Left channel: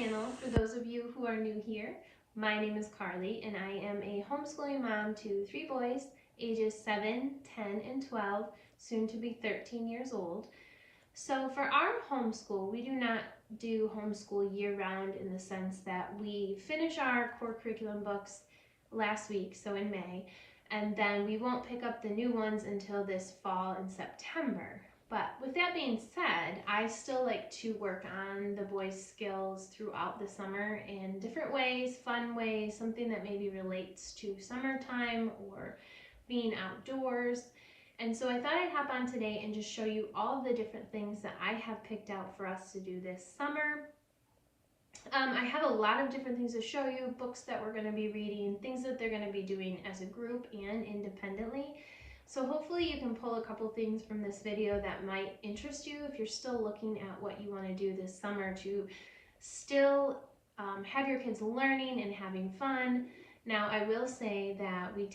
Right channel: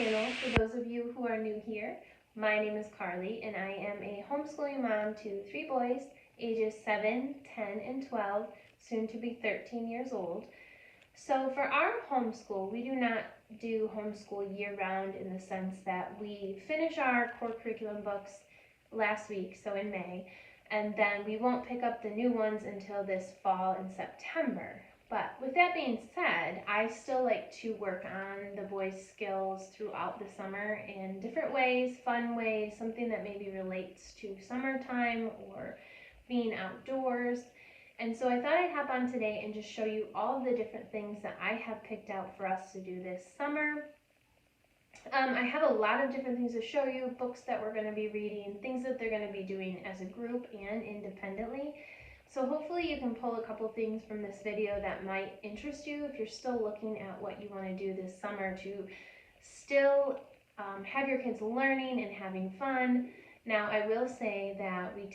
channel. For those of you who are new here, my name is Carly and I am a homeschooling mom to 3 boys, ages 7, 10, and 12, soon to be 13 years old. So for our homeschool, we do not do homeschool year-round in the sense that we finish our core curriculum books last week, so in May, and then we won't pick up the new ones until this fall in September. But with that being said, I still like to work on the boys' skills throughout the summer in different ways, fun ways, something that maybe relates to summertime or being outdoors. And so I thought I'd hop on today and just show you all of the different things that I have picked out for us to do this summer. I have a lot of different things to show you, books that we're going to be reading, things that they're going to be doing as a group and independently. So hopefully you can pull a couple things from this video that might interest you if you're still looking at what you want to do this summer to still have your kids learning and having fun. Now I will say that we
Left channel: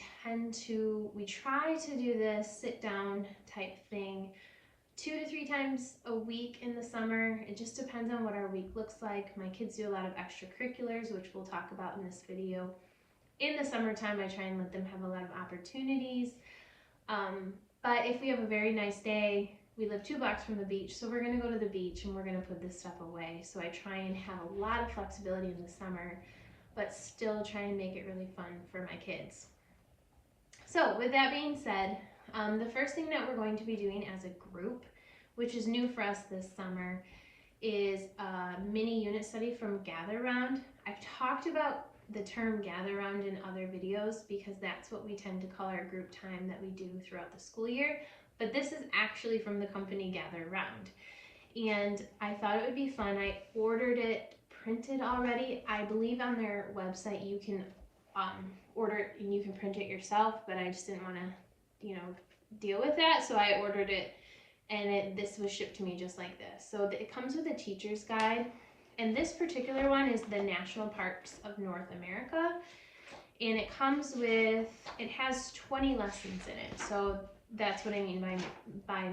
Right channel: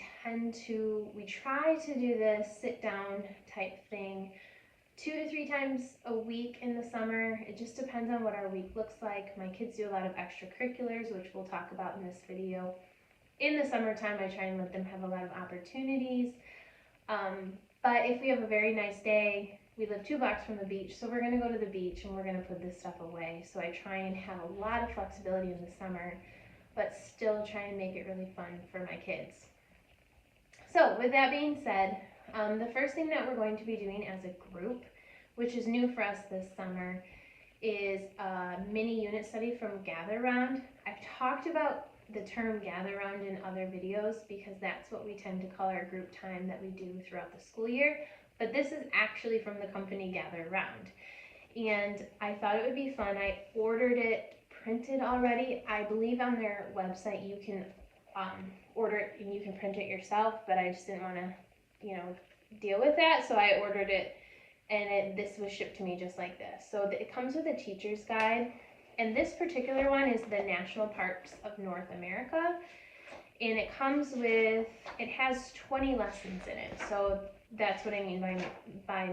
try to do this sit down type thing 2 to 3 times a week in the summer. It just depends on what our week looks like. My kids do a lot of extracurriculars, which we'll talk about in this video. In the summertime, I try and let them have a lot of opportunities. But if we have a very nice day, we live 2 blocks from the beach, so we're going to go to the beach and we're going to put this stuff away. So I try and have a lot of flexibility in the summer, but still try and make it really fun for my kids. So with that being said, the first thing that we're going to be doing as a group, which is new for us this summer, is a mini unit study from Gather Round. I've talked about the term Gather Round in other videos because that's what we tend to call our group time that we do throughout the school year, but this is actually from the company Gather Round. And I thought it would be fun. I ordered it printed already. I believe on their website you can order it and you can print it yourself, but I just didn't want to, deal with that, so I ordered it and this was shipped to me just like this. So it comes with a teacher's guide, and this particular one is the National Parks of North America, and it has 20 lessons in it. So that's what I mean by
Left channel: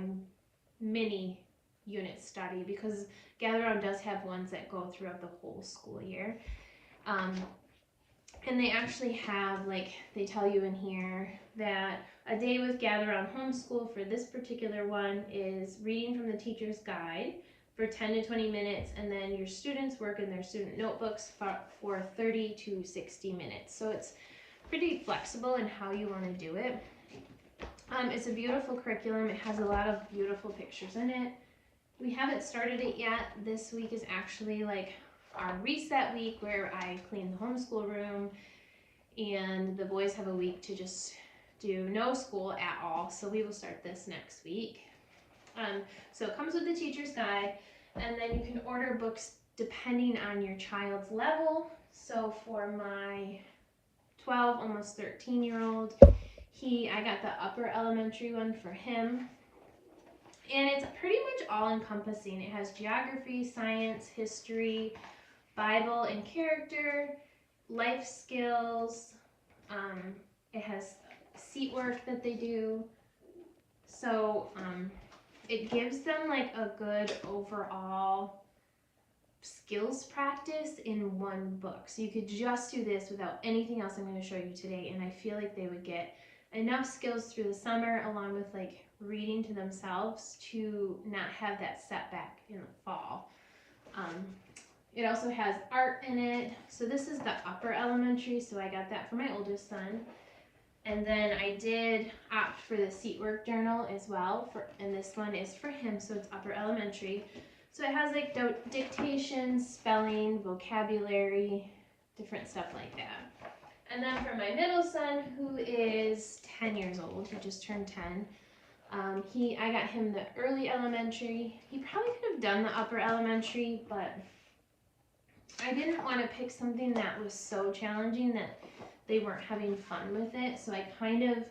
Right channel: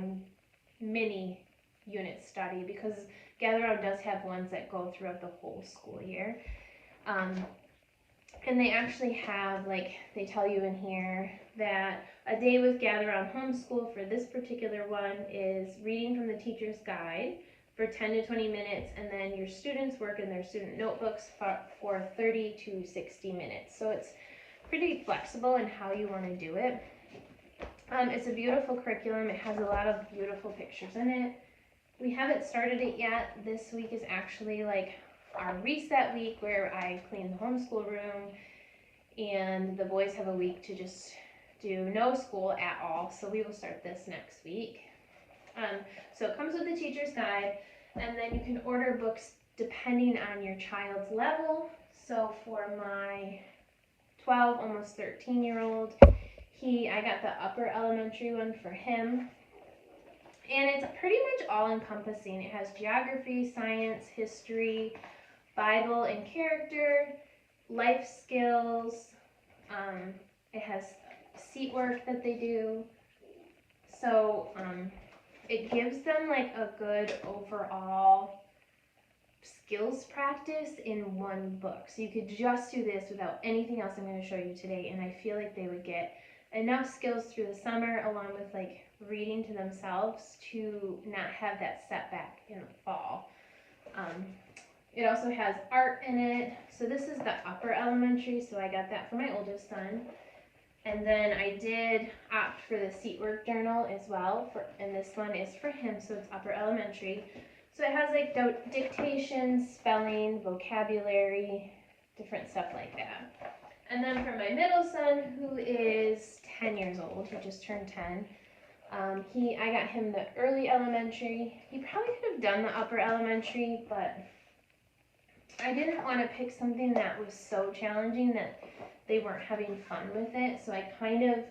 mini unit study, because Gather Round does have ones that go throughout the whole school year. And they actually have, they tell you in here that a day with Gather Round Homeschool for this particular one is reading from the teacher's guide for 10 to 20 minutes, and then your students work in their student notebooks for 30 to 60 minutes. So it's pretty flexible in how you want to do it. It's a beautiful curriculum. It has a lot of beautiful pictures in it. We haven't started it yet. This week is actually our reset week where I clean the homeschool room, and the boys have a week to just do no school at all. So we will start this next week. So it comes with the teacher's guide, and then you can order books depending on your child's level. So for my 12, almost 13-year-old, I got the upper elementary one for him. And it's pretty much all-encompassing. It has geography, science, history, Bible and character, life skills. It has seat work that they do. So it gives them a good overall skills practice in one book. So you could just do this without anything else I'm going to show you today, and I feel like they would get enough skills through the summer along with reading to themselves to not have that setback in the fall. It also has art in it. So this is the upper elementary, so I got that for my oldest son. And then I did opt for the seat work journal as well, and this one is for him, so it's upper elementary. So it has dictation, spelling, vocabulary, different stuff like that. And then for my middle son, who is 10 years old, he just turned 10, I got him the early elementary. He probably could have done the upper elementary, but I didn't want to pick something that was so challenging that they weren't having fun with it. So I kind of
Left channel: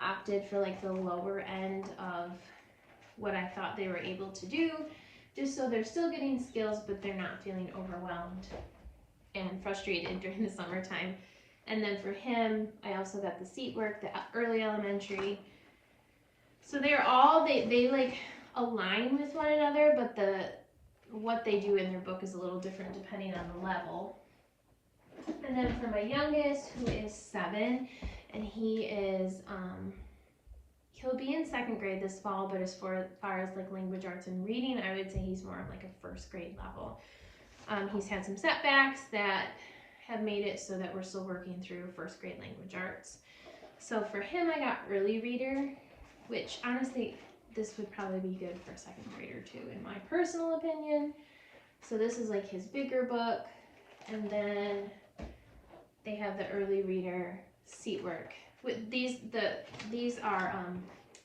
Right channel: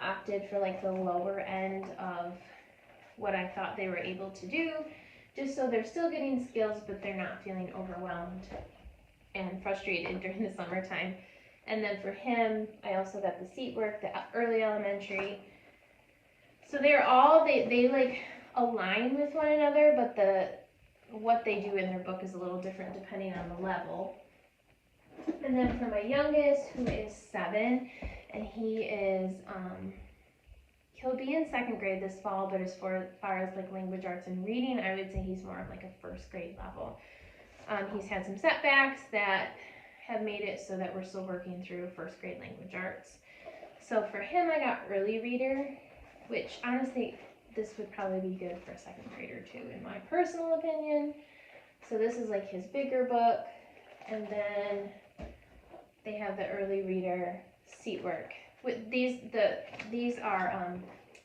opted for the lower end of what I thought they were able to do, just so they're still getting skills, but they're not feeling overwhelmed and frustrated during the summertime. And then for him, I also got the seat work, the early elementary. So they're all, they align with one another, but the what they do in their book is a little different depending on the level. And then for my youngest, who is 7, and he is, he'll be in 2nd grade this fall, but as far as like language arts and reading, I would say he's more of like a 1st grade level. He's had some setbacks that have made it so that we're still working through 1st grade language arts. So for him, I got early reader, which honestly, this would probably be good for a 2nd grader too, in my personal opinion. So this is like his bigger book, and then they have the early reader seat work. With these are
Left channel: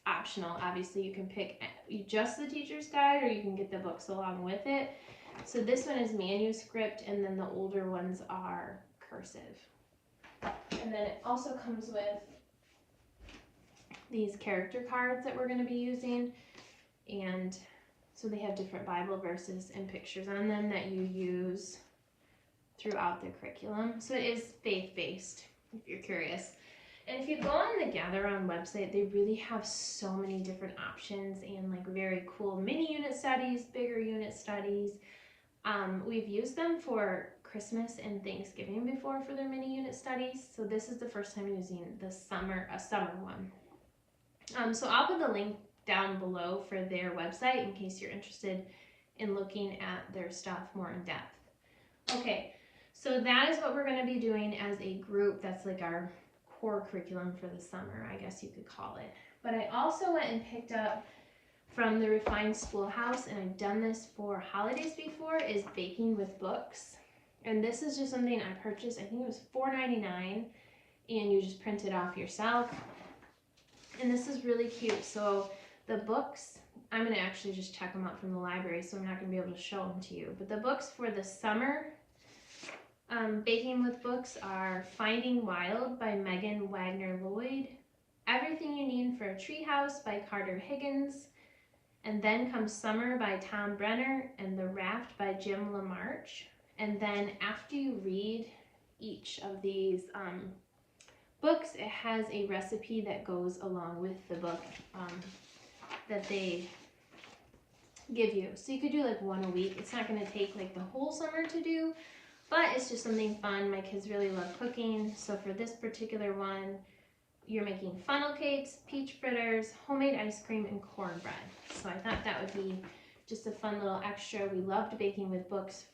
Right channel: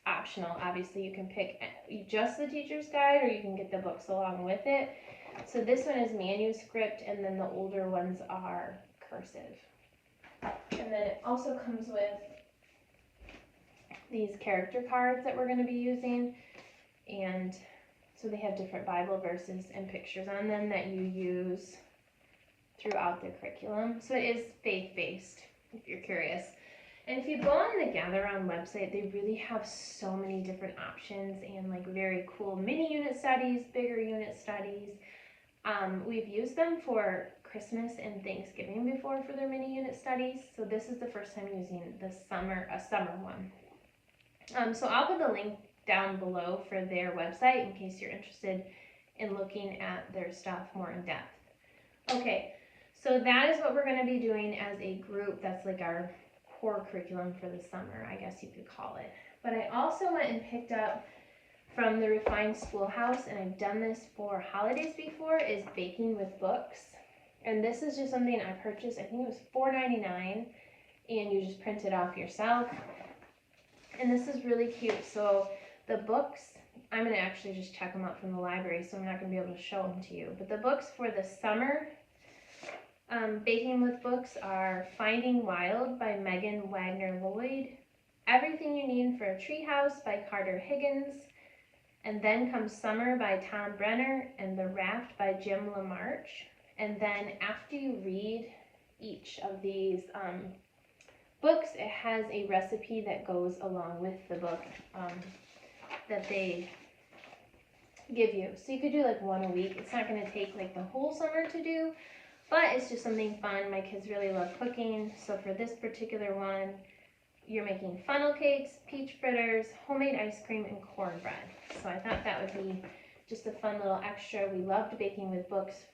optional. Obviously, you can pick just the teacher's guide, or you can get the books along with it. So this one is manuscript, and then the older ones are cursive. And then it also comes with these character cards that we're going to be using, and so they have different Bible verses and pictures on them that you use throughout the curriculum. So it is faith-based, if you're curious. And if you go on the Gather Round website, they really have so many different options and like very cool mini unit studies, bigger unit studies. We've used them for Christmas and Thanksgiving before for their mini unit studies. So this is the first time using a summer one. So I'll put the link down below for their website in case you're interested in looking at their stuff more in depth. Okay, so that is what we're going to be doing as a group. That's like our core curriculum for the summer, I guess you could call it. But I also went and picked up from the Refined Schoolhouse, and I've done this for holidays before, is Baking with Books. And this is just something I purchased, I think it was $4.99, and you just print it off yourself. And this is really cute. So the books, I'm going to actually just check them out from the library, so I'm not going to be able to show them to you. But the books for the summer Baking with Books are Finding Wild by Megan Wagner Lloyd, Everything You Need for a Treehouse by Carter Higgins, and Then Comes Summer by Tom Brenner, and The Raft by Jim LaMarche. And then after you read each of these books, it has a recipe that goes along with the book that they give you. So you could do like one a week. It's not going to take like the whole summer to do, but it's just something fun. My kids really love cooking. So for this particular one, you're making funnel cakes, peach fritters, homemade ice cream, and cornbread. So I thought that would be just a fun little extra. We loved Baking with Books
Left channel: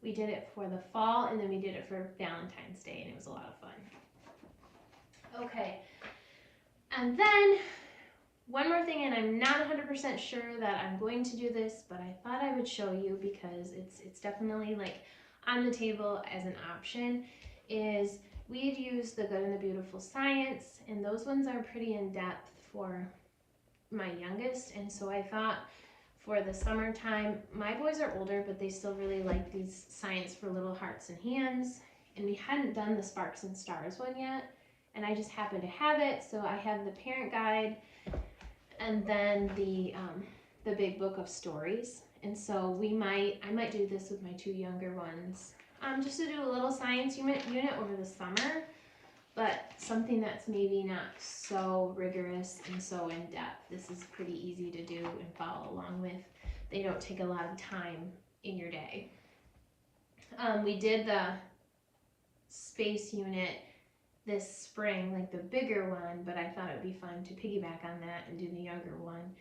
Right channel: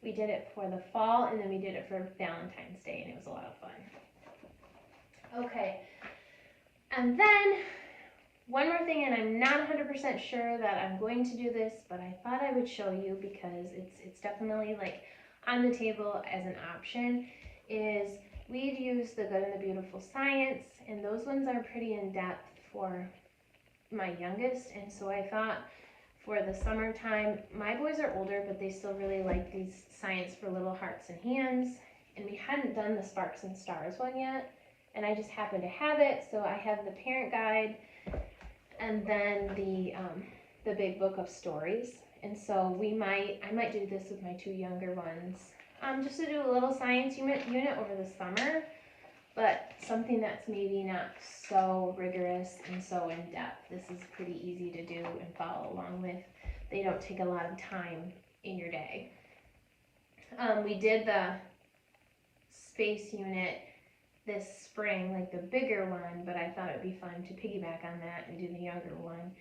we did it for the fall, and then we did it for Valentine's Day, and it was a lot of fun. Okay, and then one more thing, and I'm not 100% sure that I'm going to do this, but I thought I would show you because it's definitely like on the table as an option, is we've used The Good and the Beautiful Science, and those ones are pretty in-depth for my youngest, and so I thought for the summertime, my boys are older, but they still really like these Science for Little Hearts and Hands, and we hadn't done the Sparks and Stars one yet, and I just happened to have it, so I have the parent guide, and then the big book of stories. And so I might do this with my 2 younger ones, just to do a little science unit over the summer, but something that's maybe not so rigorous and so in-depth. This is pretty easy to do and follow along with. They don't take a lot of time in your day. We did the space unit this spring, like the bigger one, but I thought it would be fun to piggyback on that and do the younger one,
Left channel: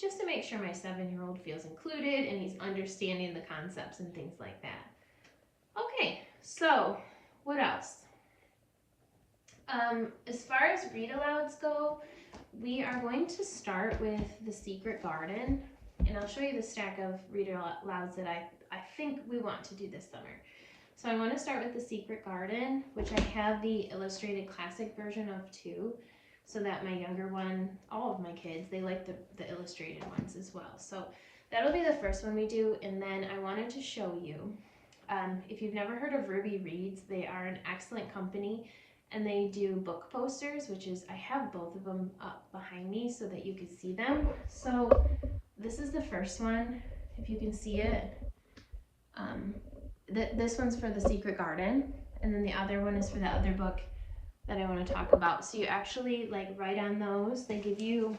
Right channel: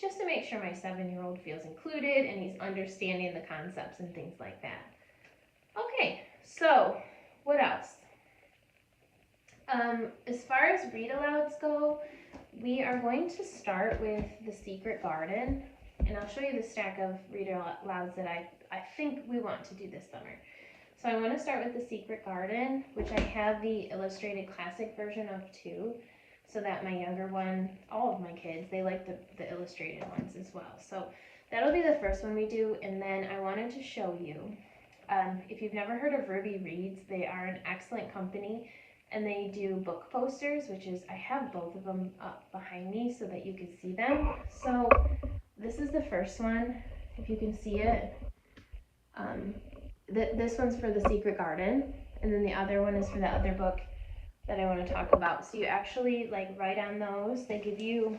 just to make sure my 7-year-old feels included and he's understanding the concepts and things like that. Okay, so what else? As far as read-alouds go, we are going to start with The Secret Garden, and I'll show you the stack of read-alouds that I think we want to do this summer. So I want to start with The Secret Garden, which I have the illustrated classic version of too, so that my younger one, all of my kids, they like the illustrated ones as well. So that'll be the first one we do, and then I wanted to show you, if you've never heard of Ruby Reads, they are an excellent company, and they do book posters, which is, I have both of them up behind me so that you can see them. So this is the first one, if you can see it. This one's for The Secret Garden, and then the other one is for the other book that I want to talk about. So you actually like write on those. They give you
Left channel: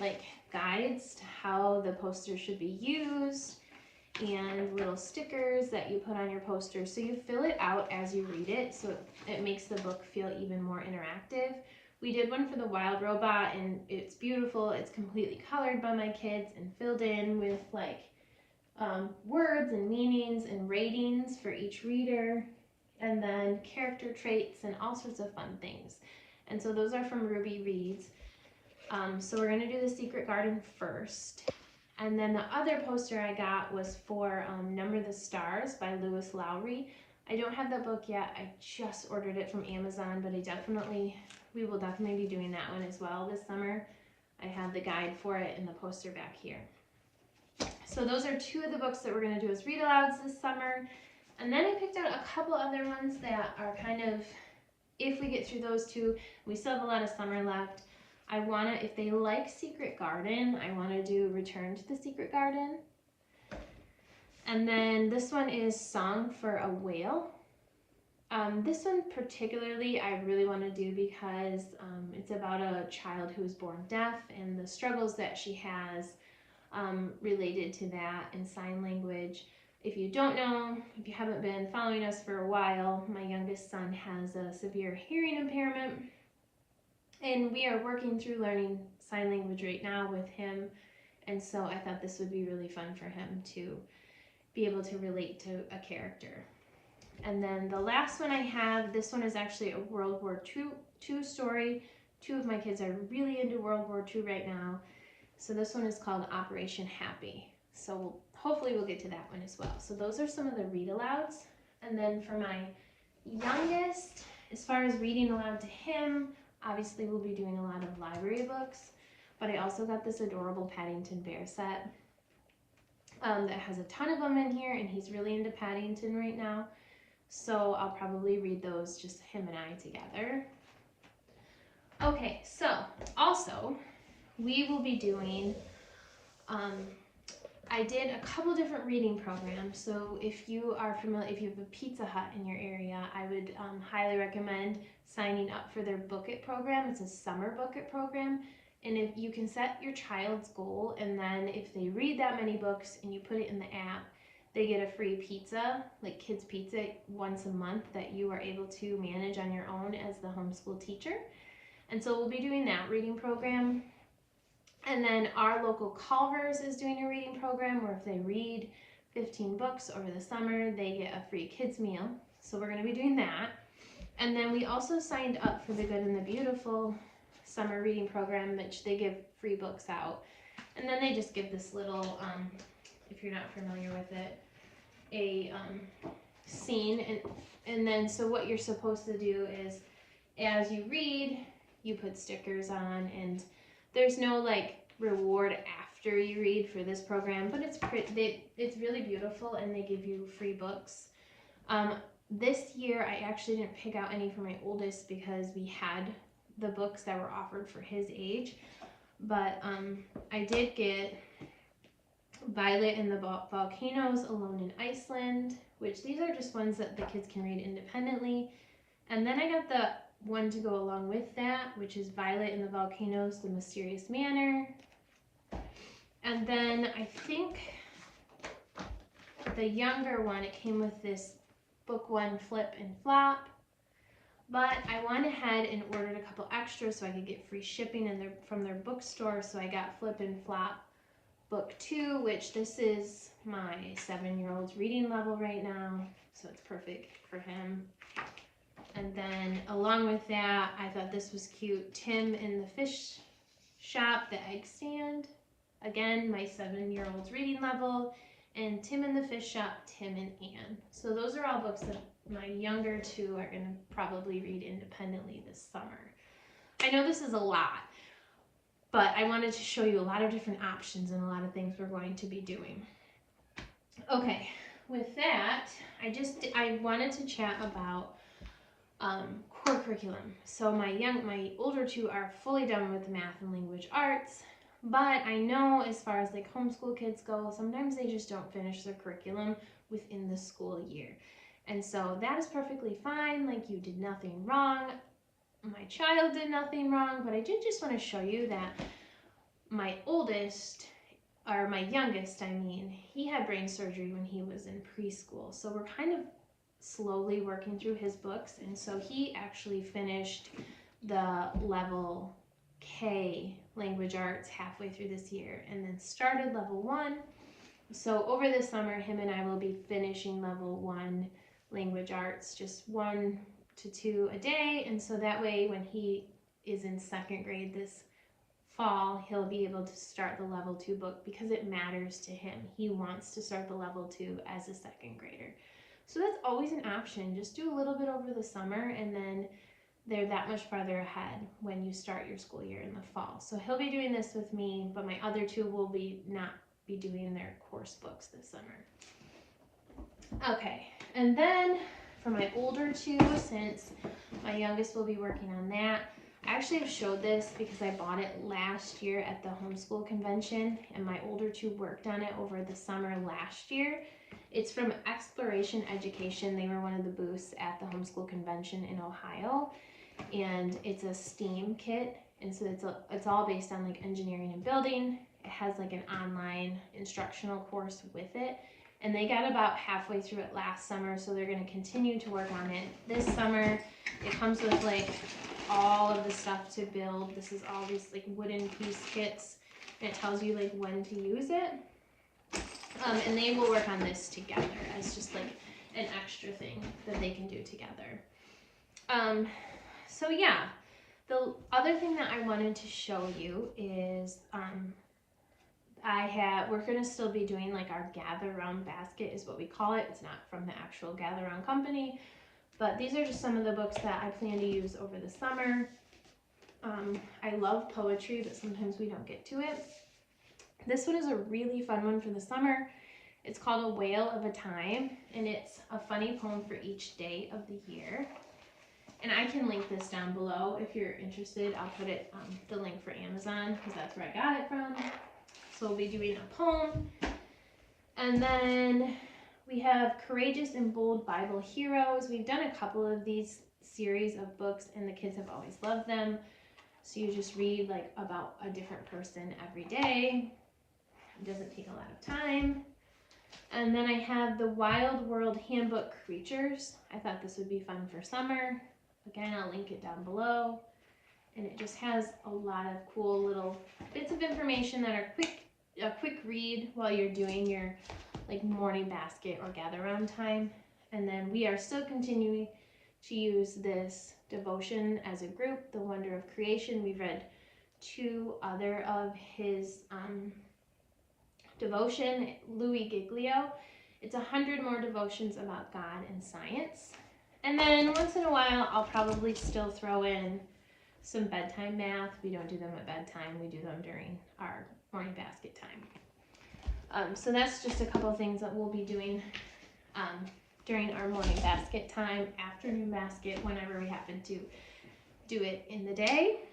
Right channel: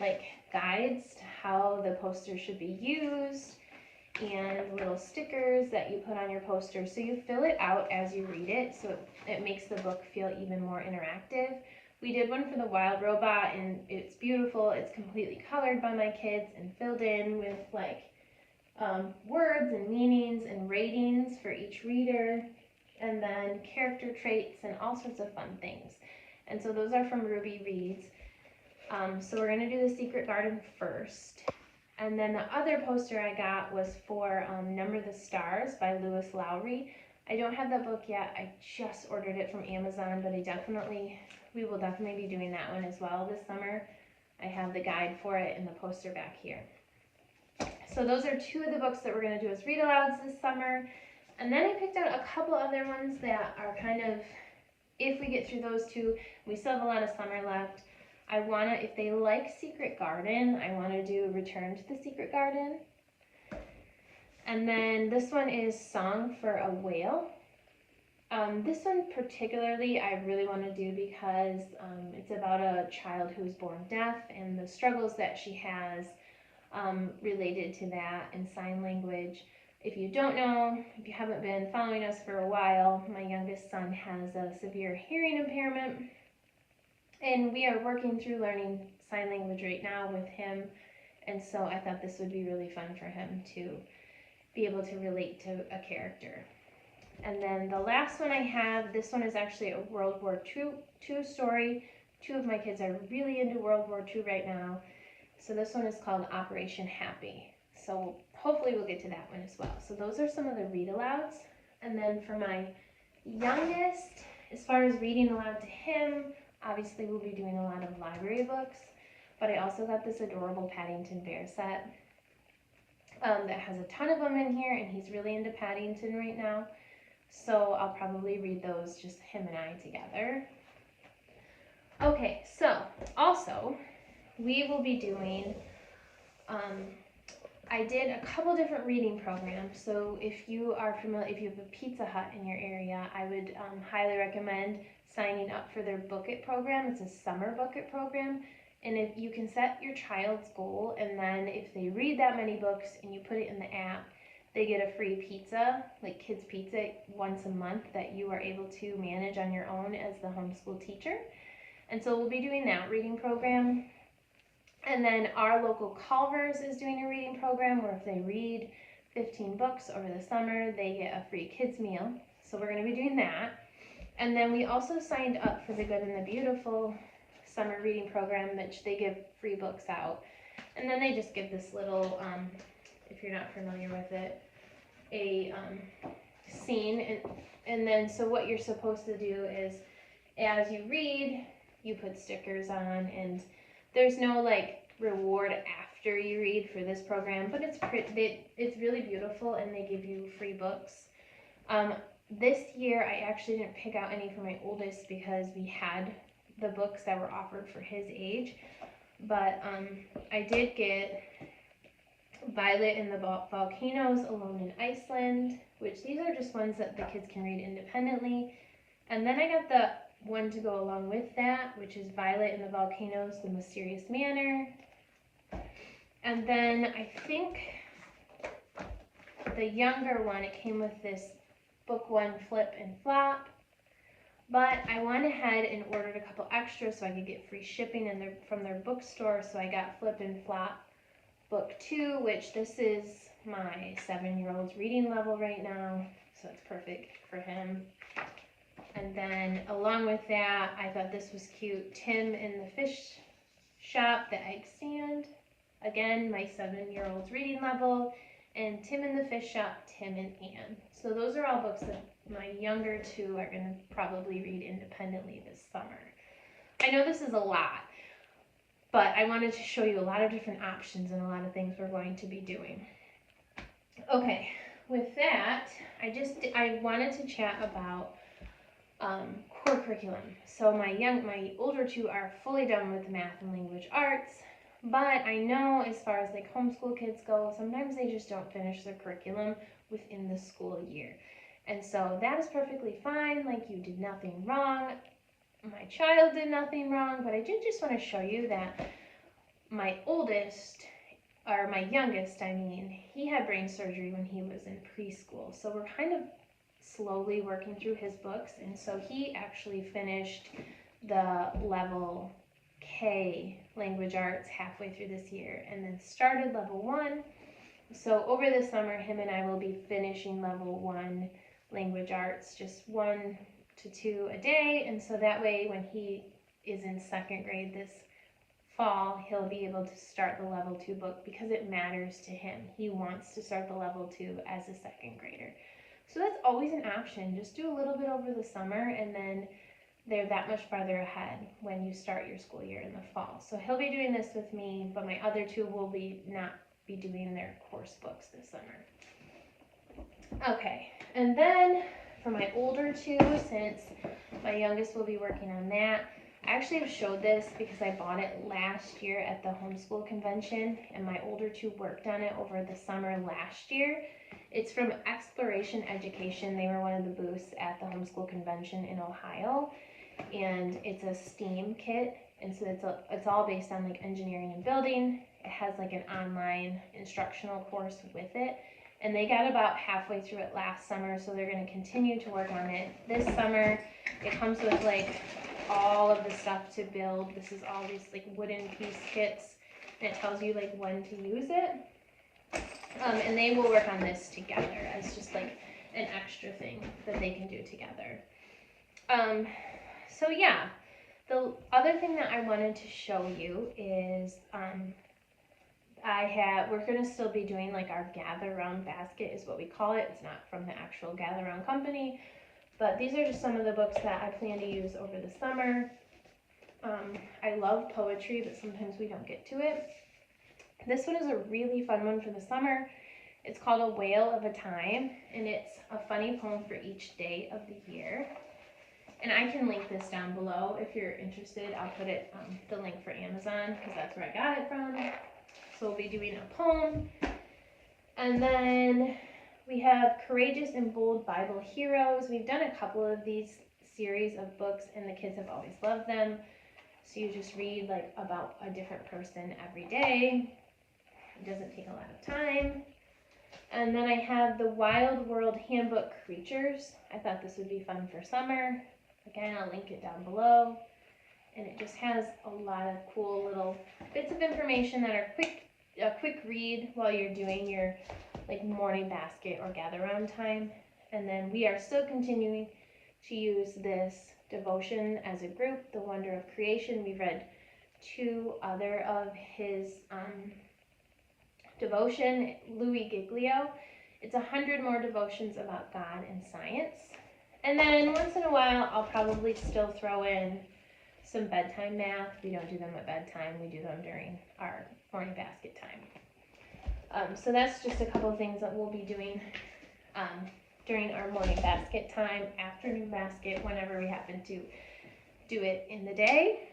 like guides to how the poster should be used and little stickers that you put on your poster. So you fill it out as you read it, so it makes the book feel even more interactive. We did one for the wild robot, and it's beautiful. It's completely colored by my kids and filled in with like words and meanings and ratings for each reader, and then character traits and all sorts of fun things. And so those are from Ruby Reads. So we're gonna do The Secret Garden first. And then the other poster I got was for Number the Stars by Lewis Lowry. I don't have that book yet. I just ordered it from Amazon, but we will definitely be doing that one as well this summer. I have the guide for it and the poster back here. So those are two of the books that we're going to do as read-alouds this summer. And then I picked out a couple other ones that are kind of, if we get through those two, we still have a lot of summer left. If they like Secret Garden, I want to do Return to the Secret Garden. And then this one is Song for a Whale. This one particularly I really want to do because it's about a child who's born deaf and the struggles that she has related to that in sign language. If you don't know, if you haven't been following us for a while, my youngest son has a severe hearing impairment, and we are working through learning sign language right now with him, and so I thought this would be really fun for him to be able to relate to a character. And then the last one I have, this one is actually a World War II story. Two of my kids are really into World War II right now. So this one is called Operation Happy. So hopefully we'll get to that one as well. So those are some of the read-alouds. And then for my youngest, as far as reading aloud to him, obviously we'll be doing a lot of library books. But I also got this adorable Paddington Bear set that has a ton of them in here, and he's really into Paddington right now. So I'll probably read those, just him and I together. Okay, so also we will be doing, I did a couple different reading programs. So if you are familiar, if you have a Pizza Hut in your area, I would highly recommend signing up for their Book It program. It's a summer Book It program. And if you can set your child's goal, and then if they read that many books and you put it in the app, they get a free pizza, like kids pizza, once a month that you are able to manage on your own as the homeschool teacher. And so we'll be doing that reading program. And then our local Culver's is doing a reading program where if they read 15 books over the summer, they get a free kids meal. So we're going to be doing that. And then we also signed up for the Good and the Beautiful summer reading program, which they give free books out. And then they just give this little, if you're not familiar with it, a scene. And then so what you're supposed to do is as you read, you put stickers on, and there's no like reward after you read for this program, but it's really beautiful, and they give you free books. This year I actually didn't pick out any for my oldest because we had the books that were offered for his age, but I did get Violet in the Volcanoes, Alone in Iceland, which these are just ones that the kids can read independently. And then I got the one to go along with that, which is Violet in the Volcanoes, The Mysterious Manor. And then I think the younger one, it came with this book one flip and flop. But I went ahead and ordered a couple extras so I could get free shipping from their bookstore. So I got Flip and Flop Book 2, which this is my 7-year-old's reading level right now. So it's perfect for him. And then along with that, I thought this was cute. Tim in the Fish Shop, The Egg Stand. Again, my 7-year-old's reading level. And Tim in the Fish Shop, Tim and Anne. So those are all books that my younger two are going to probably read independently this summer. I know this is a lot, but I wanted to show you a lot of different options and a lot of things we're going to be doing. Okay, with that, I wanted to chat about core curriculum. So my older two are fully done with math and language arts, but I know as far as like homeschool kids go, sometimes they just don't finish their curriculum within the school year. And so that is perfectly fine, like you did nothing wrong. My child did nothing wrong, but I did just want to show you that my youngest, he had brain surgery when he was in preschool. So we're kind of slowly working through his books. And so he actually finished the level K language arts halfway through this year and then started level 1. So over the summer, him and I will be finishing level 1 language arts, just 1 to 2 a day. And so that way when he is in 2nd grade this fall, he'll be able to start the level 2 book because it matters to him. He wants to start the level 2 as a 2nd grader. So that's always an option. Just do a little bit over the summer and then they're that much farther ahead when you start your school year in the fall. So he'll be doing this with me, but my other 2 will not be doing their course books this summer. Okay, and then for my older 2, since my youngest will be working on that, I actually have showed this because I bought it last year at the homeschool convention, and my older 2 worked on it over the summer last year. It's from Exploration Education. They were one of the booths at the homeschool convention in Ohio, and it's a STEAM kit, and so it's all based on like engineering and building. It has like an online instructional course with it, and they got about halfway through it last summer, so they're going to continue to work on it this summer. It comes with like all of the stuff to build. This is all these like wooden piece kits, and it tells you like when to use it. And they will work on this together as just like an extra thing that they can do together. So yeah, the other thing that I wanted to show you is we're going to still be doing like our gather round basket is what we call it. It's not from the actual gather round company, but these are just some of the books that I plan to use over the summer. I love poetry, but sometimes we don't get to it. This one is a really fun one for the summer. It's called A Whale of a Time, and it's a funny poem for each day of the year. And I can link this down below if you're interested. I'll put it the link for Amazon because that's where I got it from. So we'll be doing a poem. And then we have Courageous and Bold Bible Heroes. We've done a couple of these series of books and the kids have always loved them. So you just read like about a different person every day. It doesn't take a lot of time. And then I have the Wild World Handbook Creatures. I thought this would be fun for summer. Again, I'll link it down below. And it just has a lot of cool little bits of information that are a quick read while you're doing your like morning basket or gather round time. And then we are still continuing to use this devotion as a group, The Wonder of Creation. We've read 2 other of his devotion, Louis Giglio. It's 100 more devotions about God and science. And then once in a while, I'll probably still throw in some bedtime math. We don't do them at bedtime. We do them during our morning basket time. So that's just a couple of things that we'll be doing during our morning basket time, afternoon basket, whenever we happen to do it in the day.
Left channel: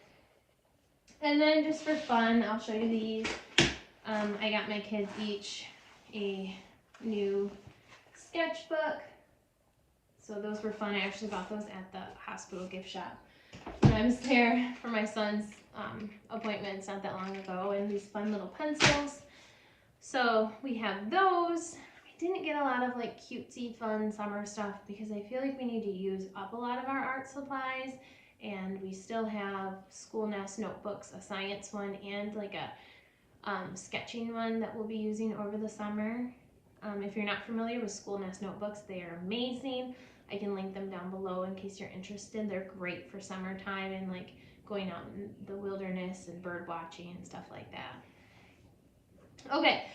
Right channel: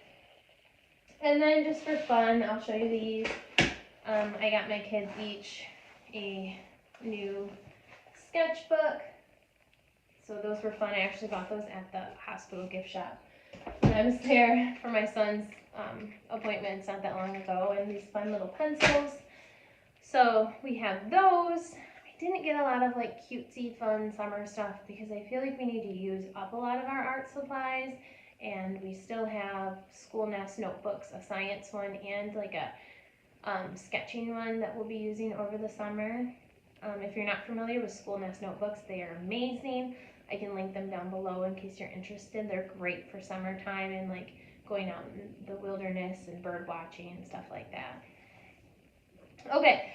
And then just for fun, I'll show you these. I got my kids each a new sketchbook. So those were fun. I actually bought those at the hospital gift shop when I was there for my son's appointments not that long ago, and these fun little pencils. So we have those. I didn't get a lot of like cutesy fun summer stuff because I feel like we need to use up a lot of our art supplies, and we still have Schoolhouse notebooks, a science one and like a sketching one that we'll be using over the summer. If you're not familiar with Schoolhouse notebooks, they are amazing. I can link them down below in case you're interested. They're great for summertime and like going out in the wilderness and bird watching and stuff like that. Okay,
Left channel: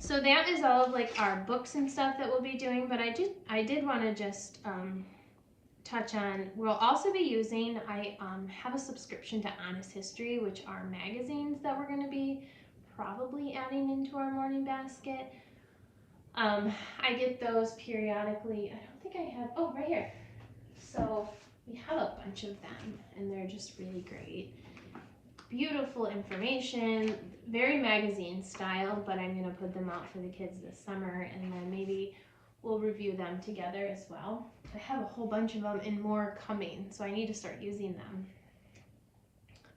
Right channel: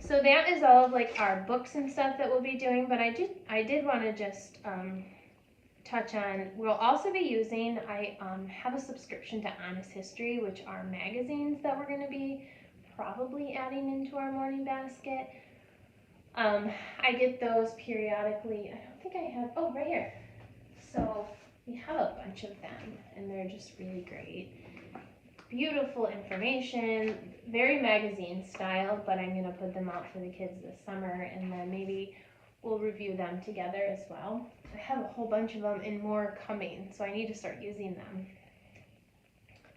so that is all of like our books and stuff that we'll be doing, but I did want to just touch on, we'll also be using, I have a subscription to Honest History, which are magazines that we're going to be probably adding into our morning basket. I get those periodically. I don't think I have, oh, right here. So we have a bunch of them, and they're just really great. Beautiful information, very magazine style, but I'm going to put them out for the kids this summer, and then maybe we'll review them together as well. I have a whole bunch of them and more coming, so I need to start using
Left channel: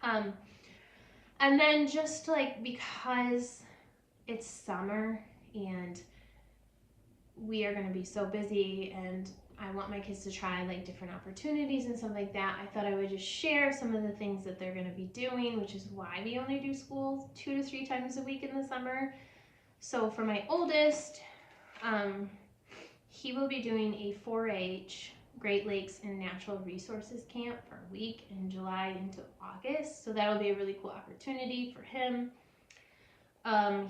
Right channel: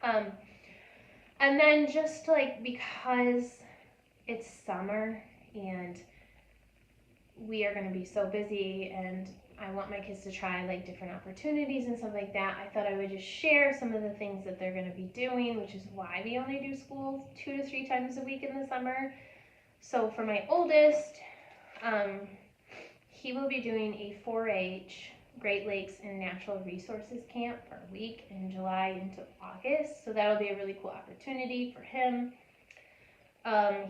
them. And then just like because it's summer and we are going to be so busy and I want my kids to try like different opportunities and stuff like that, I thought I would just share some of the things that they're going to be doing, which is why we only do school 2 to 3 times a week in the summer. So for my oldest, he will be doing a 4-H Great Lakes and Natural Resources Camp for a week in July into August. So that'll be a really cool opportunity for him.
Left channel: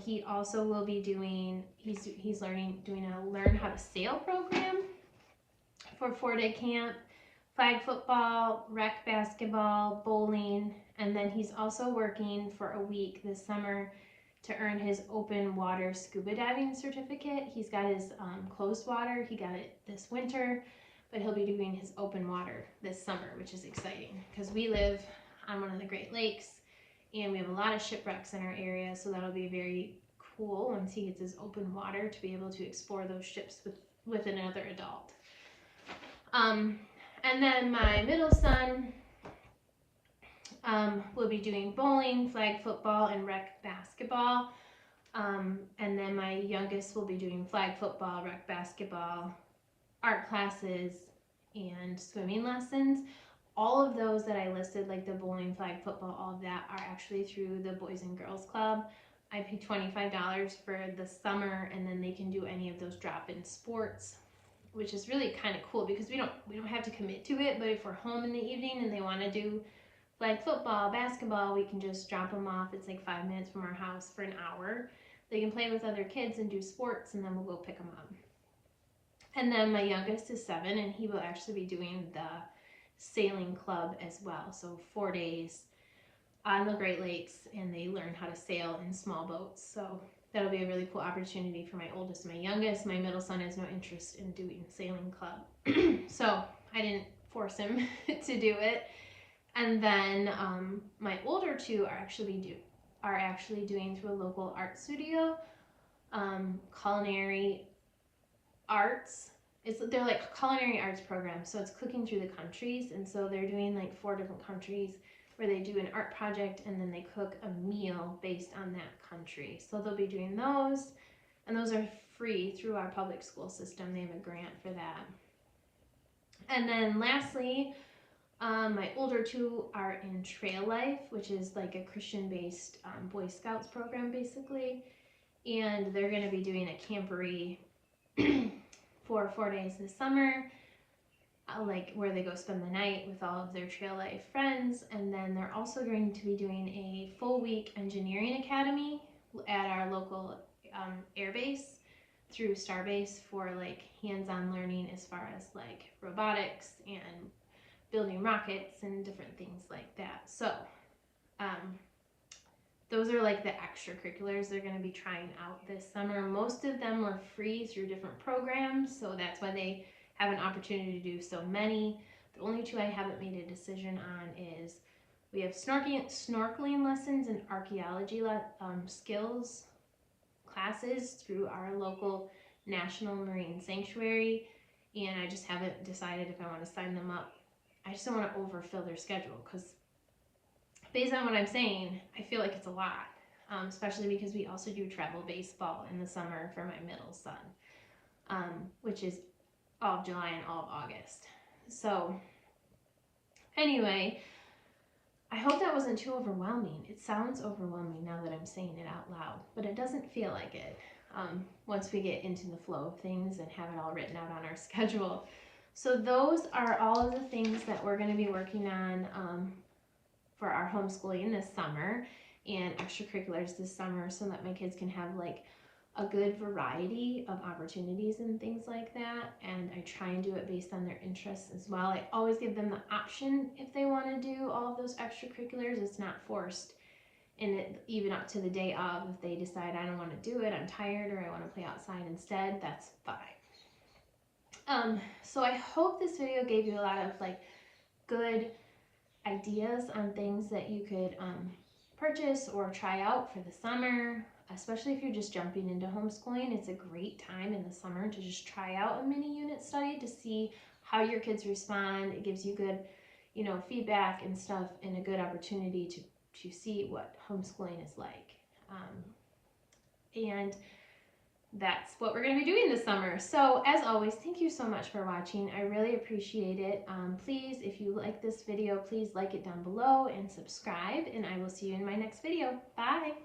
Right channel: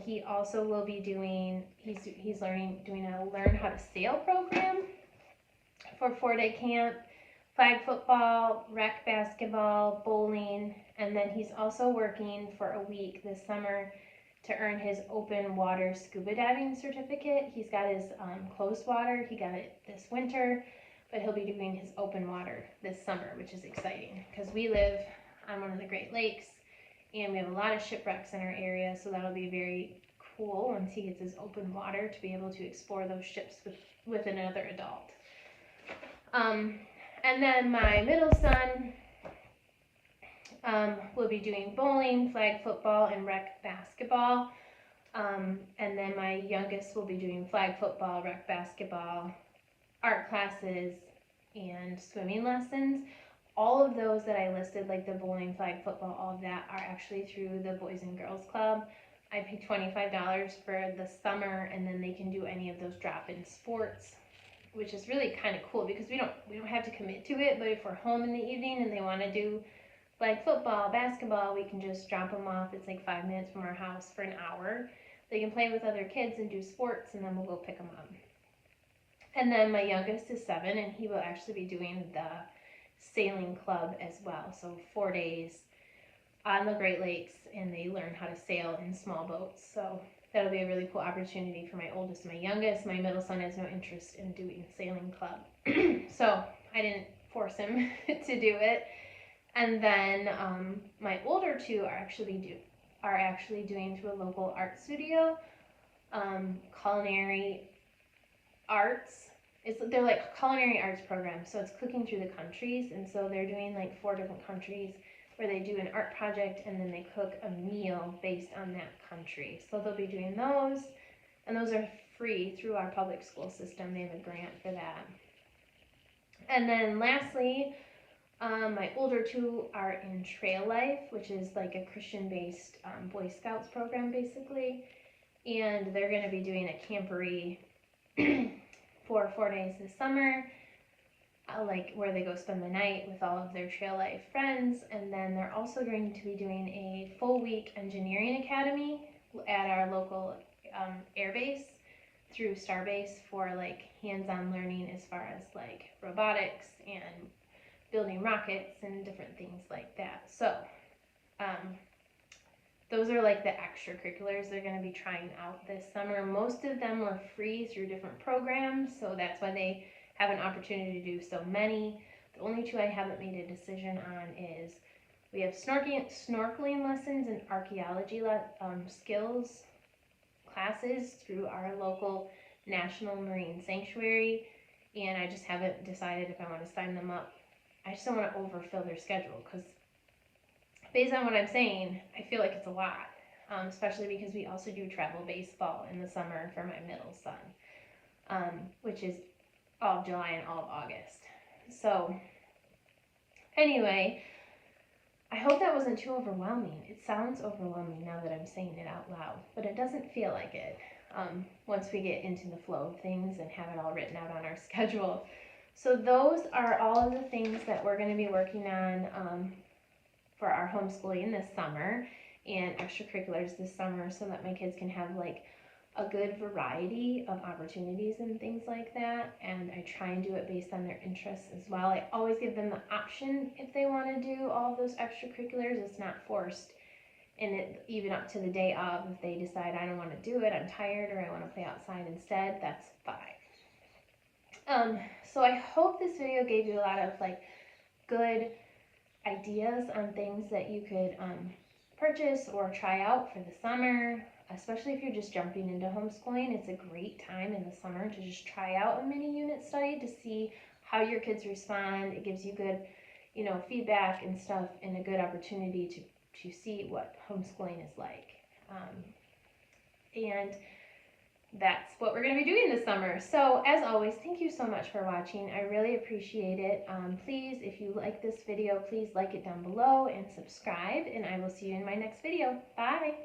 He also will be doing, he's doing a Learn How to Sail program for 4-day camp, flag football, rec basketball, bowling, and then he's also working for a week this summer to earn his open water scuba diving certificate. He's got his closed water, he got it this winter, but he'll be doing his open water this summer, which is exciting because we live on one of the Great Lakes and we have a lot of shipwrecks in our area, so that'll be very cool once he gets his open water to be able to explore those ships with another adult. And then my middle son will be doing bowling, flag football, and rec basketball. And then my youngest will be doing flag football, rec basketball, art classes, and swimming lessons. All of those that I listed, like the bowling, flag football, all of that, are actually through the Boys and Girls Club. I pay $25 for the summer, and then they can do any of those drop-in sports, which is really kind of cool because we don't have to commit to it. But if we're home in the evening and they want to do like football, basketball, we can just drop them off. It's like 5 minutes from our house for an hour. They can play with other kids and do sports, and then we'll go pick them up. And then my youngest is 7, and he will actually be doing the sailing club as well. So 4 days on the Great Lakes, and they learn how to sail in small boats. So that'll be a really cool opportunity for my oldest and my youngest. My middle son has no interest in doing sailing club. So I didn't force him to do it. And then my older two are actually doing through a local art studio, culinary arts. They're like culinary arts programs, so it's cooking through the countries, and so they're doing like 4 different countries where they do an art project and then they cook a meal based on that country. So they'll be doing those, and those are free through our public school system. They have a grant for that. And then lastly, my older two are in Trail Life, which is like a Christian-based Boy Scouts program basically, and they're going to be doing a camporee for 4 days this summer, like where they go spend the night with all of their Trail Life friends. And then they're also going to be doing a full week engineering academy at our local air base through Starbase for like hands-on learning as far as like robotics and building rockets and different things like that. So those are like the extracurriculars they're going to be trying out this summer. Most of them were free through different programs, so that's why they have an opportunity to do so many. The only 2 I haven't made a decision on is we have snorkeling lessons and archaeology skills classes through our local National Marine Sanctuary, and I just haven't decided if I want to sign them up. I just don't want to overfill their schedule because based on what I'm saying, I feel like it's a lot, especially because we also do travel baseball in the summer for my middle son, which is all of July and all of August. So anyway, I hope that wasn't too overwhelming. It sounds overwhelming now that I'm saying it out loud, but it doesn't feel like it once we get into the flow of things and have it all written out on our schedule. So those are all of the things that we're going to be working on for our homeschooling this summer and extracurriculars this summer, so that my kids can have like a good variety of opportunities and things like that. And I try and do it based on their interests as well. I always give them the option if they want to do all of those extracurriculars. It's not forced. And even up to the day of, if they decide I don't want to do it, I'm tired, or I want to play outside instead, that's fine. So I hope this video gave you a lot of like good ideas on things that you could purchase or try out for the summer, especially if you're just jumping into homeschooling. It's a great time in the summer to just try out a mini unit study to see how your kids respond. It gives you good, feedback and stuff, and a good opportunity to to see what homeschooling is like. And that's what we're going to be doing this summer. So as always, thank you so much for watching. I really appreciate it. Please, if you like this video, please like it down below and subscribe, and I will see you in my next video. Bye.